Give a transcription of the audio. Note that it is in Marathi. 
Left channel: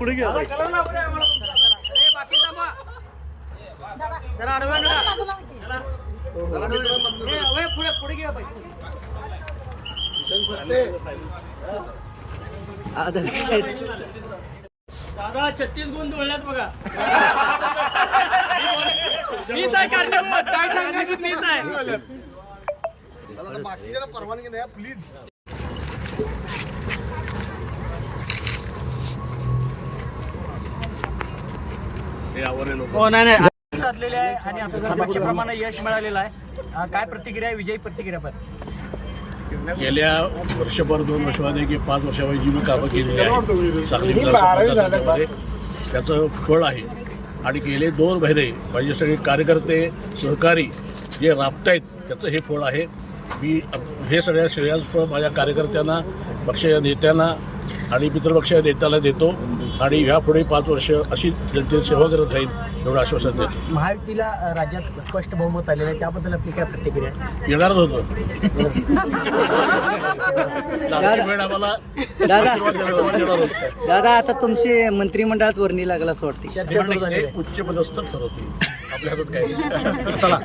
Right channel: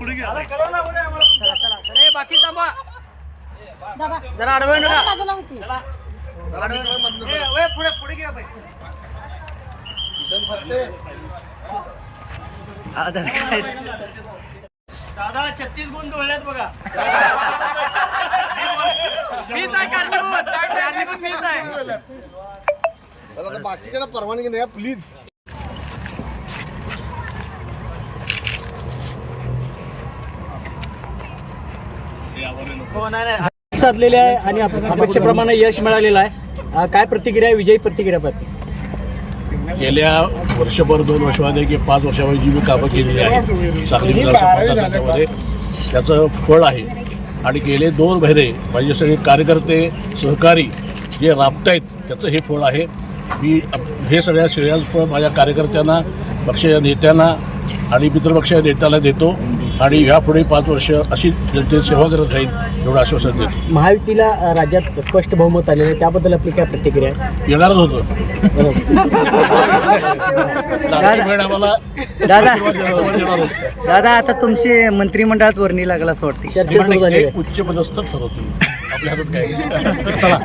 पुढे घ्या बाई. बाकी थांबा जरा आडवं नका. आडवं. ए, वय, पुढे पुढे घ्या बाई दादा छत्तीस गुण जुळल्यात बघा मीच आहे कारणीभूत. कारणीभूत मीच आहे बाकीच्या परवानगी नाही प्लीज नाही. साधलेले आहे आणि आपल्याला अपेक्षेप्रमाणे यश मिळालेलं आहे. अं, काय प्रतिक्रिया आहे? विजयी प्रतिक्रिया पण गेल्या वर्षभर दोन वर्षामध्ये की पाच वर्षामध्ये जी मी कामं केलेली आहे सांगली विधानसभा मतदारसंघामध्ये त्याचं फळ आहे. आणि गेले दोन महिने माझे सगळे कार्यकर्ते सहकारी जे राबतायत त्याचं हे फळ आहे. मी अप- हे सगळ्या श्रेयांस फळ माझ्या कार्यकर्त्यांना पक्षाच्या नेत्यांना आणि मित्रपक्षाच्या नेत्याला देतो. आणि ह्यापुढे पाच वर्ष अशी जनतेची सेवा करत राहील एवढं आश्वासन देतो. महायुतीला राज्यात स्पष्ट बहुमत आलेलं आहे. त्याबद्दल आपली काय प्रतिक्रिया येणारच होतं. आम्हाला दादा. दादा आता तुमची मंत्रिमंडळात वर्णी लागला असं वाटते उच्च पदस्थ ठरवतील. आपल्या हातात काय. चला.